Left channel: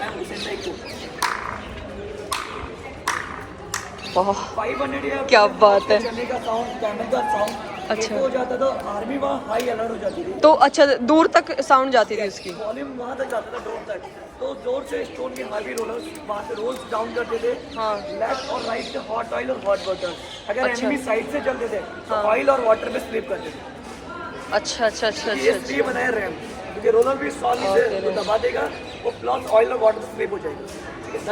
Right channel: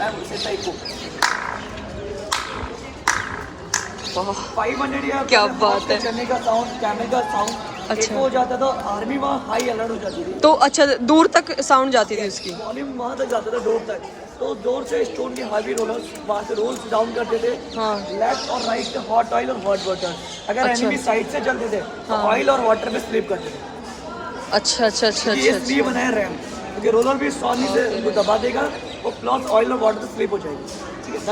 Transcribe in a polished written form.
Ma'am उसे टाइको वाह 500 या क्या बात है। चलने का साउंड, कैमरे का साउंड अच्छा। हो जाता था। आर्मी वहाँ हाई अलर्ट हो जाती थी, तो अच्छा दूर तक साउंड जाती थी उसकी। वॉल्यूम वहाँ तक जाता था डोर तक, तो जोर से स्टोन के हैवी रोलर्स वहाँ से रोल्स डाउन करते थे। हाँ। लेफ्ट और राइट से हॉट ऑयल और हॉट वाटर, अगर अच्छा। एनिमी साइड से चलते थे तो हाँ। ऑयल और वाटर में स्लिप करते थे। अच्छा अच्छा अच्छा ये अच्छा इसलिए अच्छा। बनाया रैम, क्योंकि रोलर भी स्वामी से ओके उनको दबा देगा तो प्लस ऑयल और वाटर में स्लिप हो जाएगी। ठीक है,